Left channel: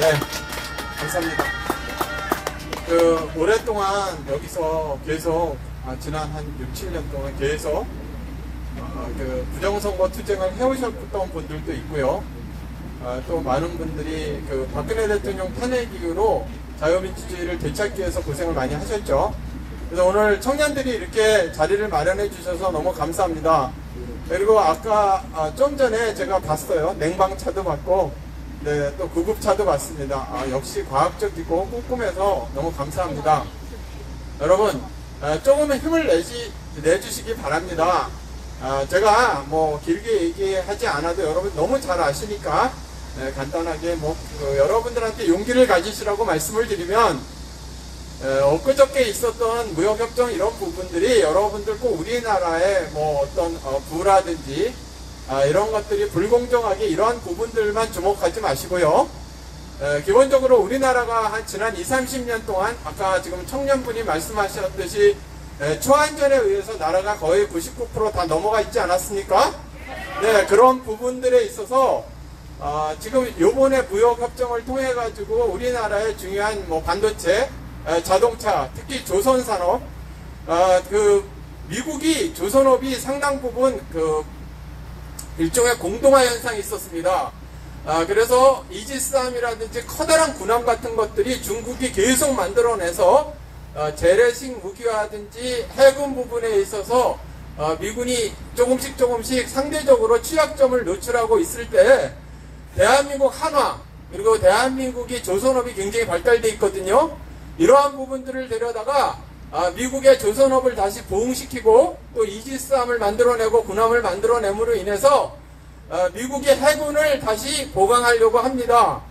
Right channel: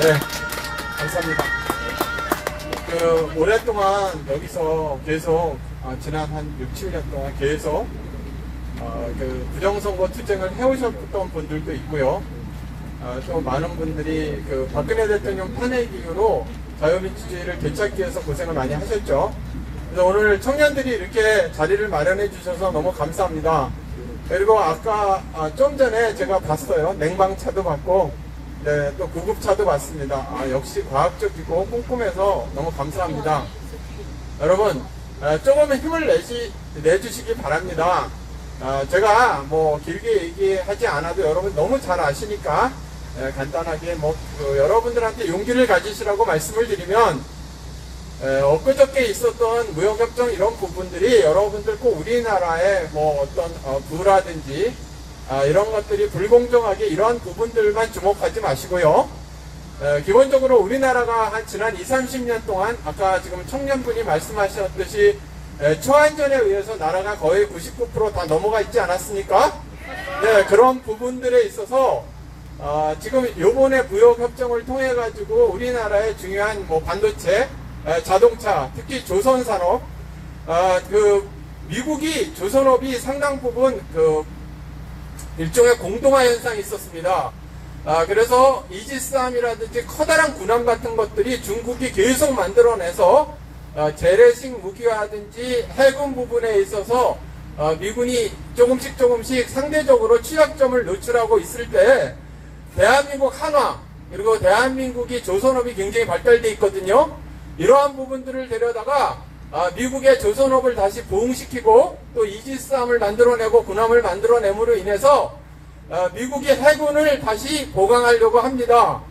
네, 감사합니다. 오랫동안 여기서 계속, 지난 한 6, 7년 동안 계속, 부정선거 투쟁을 해오셨던 분들도 있고요. 또 많은 분들이 박근혜 대통령 탄핵 이후로 자유민주주의를 되찾기 위해서 고생을 많이 하셨죠. 그래서 오늘 청년들이 이렇게 자리를 마련해 주셔서 너무 감사합니다. 그리고 아까 좀 전에 제가 봤어요. 냉방차도 봤고, 네, 또 구급차도 봤습니다. 역시 과학적이고 꼼꼼해서 너무 감사합니다. 여러분, 조금은 힘을 내주시기 바랍니다. 제가 뭐 길게 얘기하지 않아도 여러분 너무 잘 아시니까 간단하게 여러분들한테 용기를 가지시라고 말씀을 드리면, 엊그저께 있었던 무역협정 이런 부분들이 여러분들 꼭 우리나라의 어떤 부라든지 이런 것들이 불공정하게 이런 부분들만 주목하지 마시고요. 기본적으로 우리나라가 한 지난 20, 30년 동안 아까 지금 청년분이 말씀하셨듯이 초안전에 의해서 나라가 거의 99% 다 넘어가 있지 않았습니까? 네, 그런 부분들에 있어서 지금 요번에 무역협정을 통해 가지고 우리나라의 중요한 반도체, 자동차, 특히 조선산업, 미국이 조선업이 상당 부분 일종의 공동화 현상이 있었습니다. 그래서 이지스함이라든지 커다란 군함 같은 것들이 중국이 계속 만들어내서 재래식 무기화든지 해군 부분에 있어서 미군이 조금씩 상대적으로 취약점을 노출하고 있을 때 대한민국 한화 그리고 대한민국이 조선업이 굉장히 발달되어 있거든요. 이러한 부분들을 데려다가 미국의 조선업을 다시 부흥시키고 또 이지스함을 만들어내고 군함을 만들어냄으로 인해서 미국의 해군을 다시 보강하려고 합니다.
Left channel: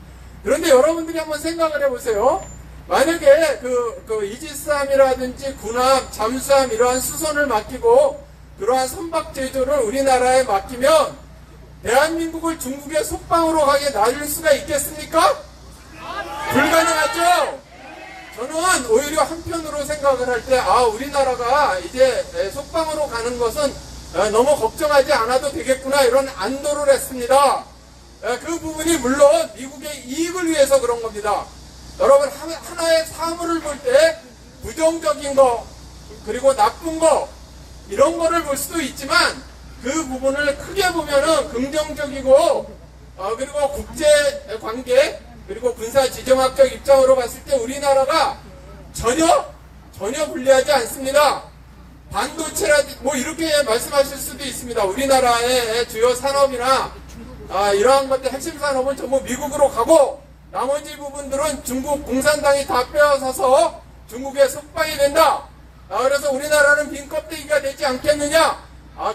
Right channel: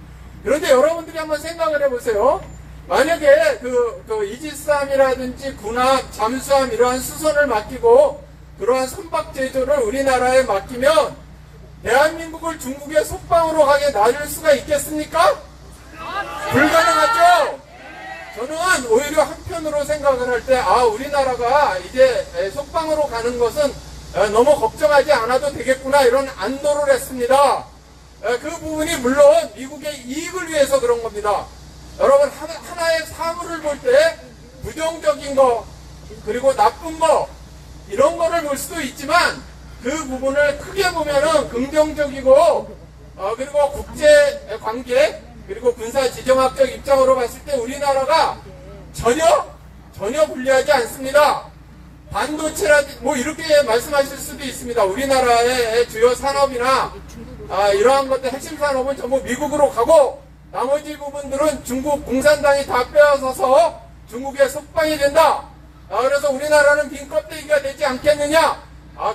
그런데 여러분들이 한번 생각을 해보세요. 만약에 이지스함이라든지 군함, 잠수함 이러한 수선을 맡기고 그러한 선박 제조를 우리나라에 맡기면 대한민국을 중국의 속방으로 가게 놔줄 수가 있겠습니까? 불가능하죠? 저는 오히려 한편으로 생각을 할 때 우리나라가 이제 속방으로 가는 것은 너무 걱정하지 않아도 되겠구나 이런 안도를 했습니다. 그 부분이 물론 미국의 이익을 위해서 그런 겁니다. 여러분 하나의 사물을 볼 때 부정적인 거 그리고 나쁜 거 이런 거를 볼 수도 있지만 그 부분을 크게 보면은 긍정적이고 그리고 국제 관계 그리고 군사 지정학적 입장으로 봤을 때 우리나라가 전혀 불리하지 않습니다. 반도체라든지 이렇게 말씀하실 수도 있습니다. 우리나라의 주요 산업이나 이러한 것들 핵심 산업은 전부 미국으로 가고 나머지 부분들은 중국 공산당이 다 빼앗아서 중국의 속방이 된다. 그래서 우리나라는 빈 껍데기가 되지 않겠느냐?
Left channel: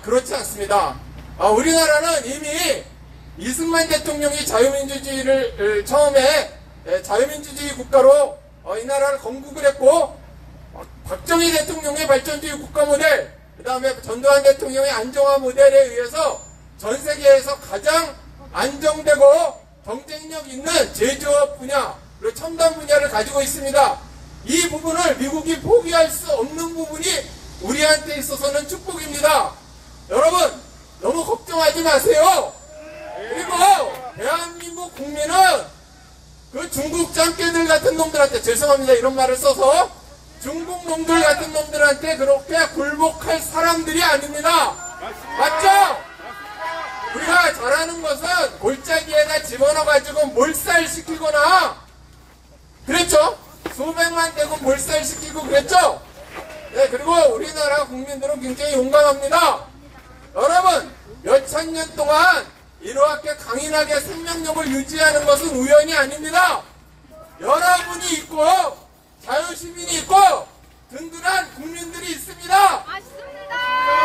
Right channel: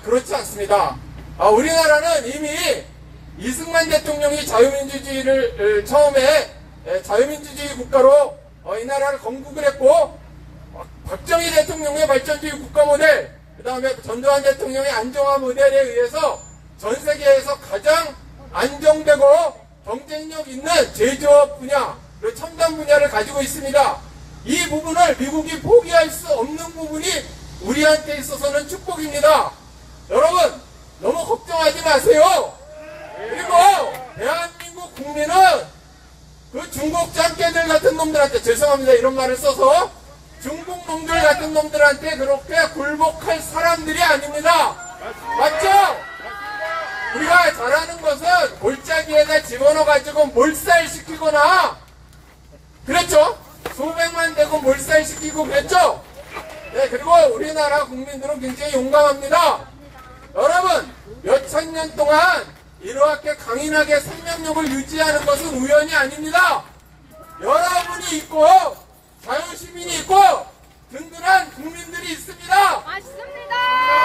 그렇지 않습니다. 우리나라는 이미 이승만 대통령이 자유민주주의를 처음에 자유민주주의 국가로 이 나라를 건국을 했고 박정희 대통령의 발전주의 국가 모델 그 다음에 전두환 대통령의 안정화 모델에 의해서 전 세계에서 가장 안정되고 경쟁력 있는 제조업 분야 그리고 첨단 분야를 가지고 있습니다. 이 부분을 미국이 포기할 수 없는 부분이 우리한테 있어서는 축복입니다. 여러분 너무 걱정하지 마세요. 그리고 대한민국 국민은 그 중국 짱깨들 같은 놈들한테 죄송합니다 이런 말을 써서 중국 놈들 같은 놈들한테 그렇게 굴복할 사람들이 아닙니다. 맞죠? 우리가 잘하는 것은 골짜기에다 집어넣어가지고 몰살시키거나 그랬죠? 소백만 대고 몰살시키고 그랬죠? 네, 그리고 우리나라 국민들은 굉장히 용감합니다. 여러분 몇천 년 동안 이렇게 강인하게 생명력을 유지하는 것은 우연이 아닙니다. 여러분이 있고 자유시민이 있고 든든한 국민들이 있습니다. 맞습니다.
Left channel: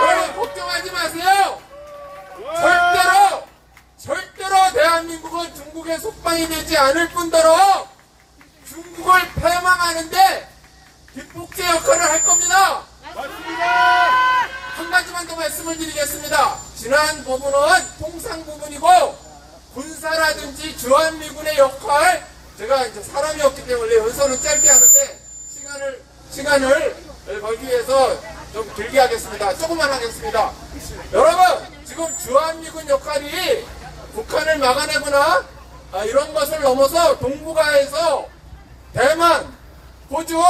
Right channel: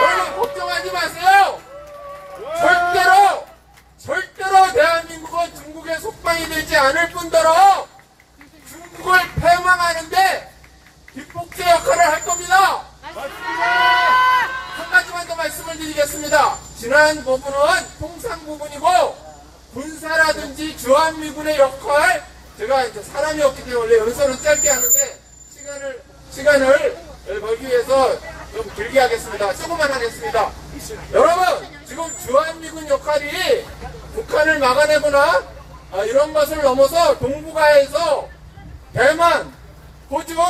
여러분 걱정하지 마세요. 절대로 대한민국은 중국의 속방이 되지 않을 뿐더러 중국을 패망하는데 뒷복제 역할을 할 겁니다. 맞습니다. 한 가지만 더 말씀을 드리겠습니다. 지난 부분은 통상 부분이고 군사라든지 주한미군의 역할 제가 이제 사람이 없기 때문에 원래 연설은 짧게 하는데 시간을 벌기 위해서 좀 길게 하겠습니다. 조금만 하겠습니다. 여러분 지금 주한미군 역할이 북한을 막아내거나 이런 것을 넘어서 동북아에서 대만, 호주,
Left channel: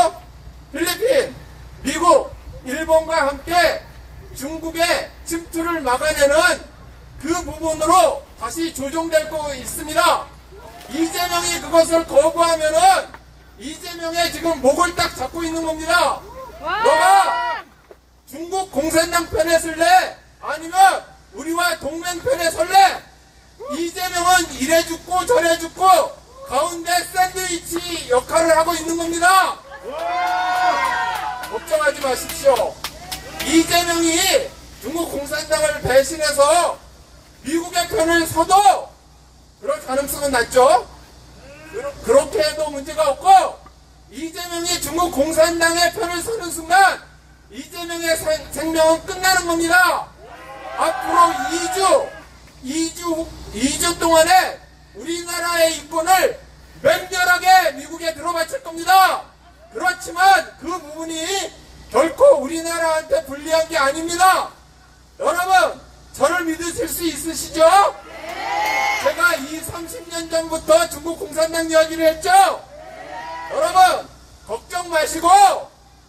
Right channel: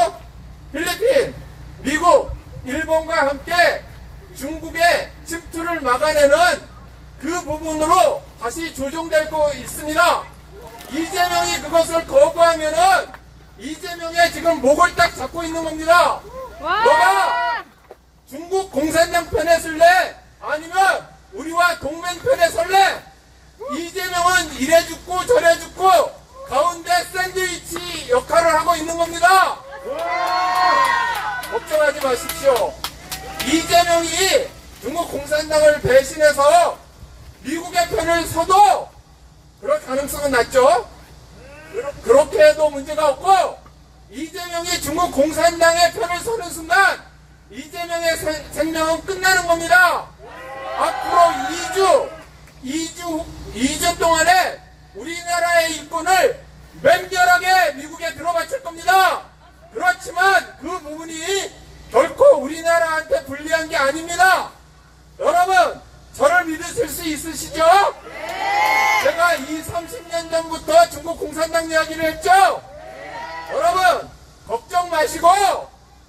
필리핀, 미국, 일본과 함께 중국의 침투를 막아내는 그 부분으로 다시 조정되고 있습니다. 이재명이 그것을 거부하면은 이재명의 지금 목을 딱 잡고 있는 겁니다. 너가 중국 공산당 편에 설래? 아니면 우리와 동맹 편에 설래? 이재명은 이래 죽고 저래 죽고 가운데 샌드위치 역할을 하고 있는 겁니다. 걱정하지 마십시오. 이재명이 중국 공산당을 배신해서 미국의 편을 서도 그럴 가능성은 낮죠. 그렇게 해도 문제가 없고, 이재명이 중국 공산당의 편을 서는 순간 이재명의 생명은 끝나는 겁니다. 앞으로 2주 동안에 우리나라의 이권을 맹렬하게 미국에 들어바칠 겁니다. 그렇지만 그 부분이 결코 우리나라한테 불리한 게 아닙니다. 여러분, 저를 믿으실 수 있으시죠? 제가 30년 전부터 중국 공산당 이야기를 했죠? 여러분, 걱정 마시고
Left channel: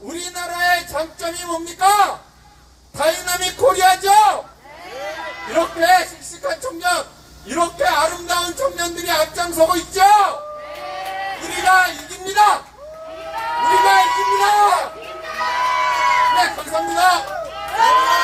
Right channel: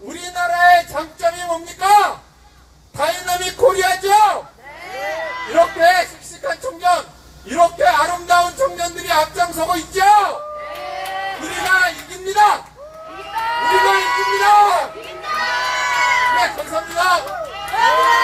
우리나라의 장점이 뭡니까? 다이나믹 코리아죠? 이렇게 씩씩한 청년, 이렇게 아름다운 청년들이 앞장서고 있죠? 우리가 이깁니다! 우리가 이깁니다! 네, 감사합니다.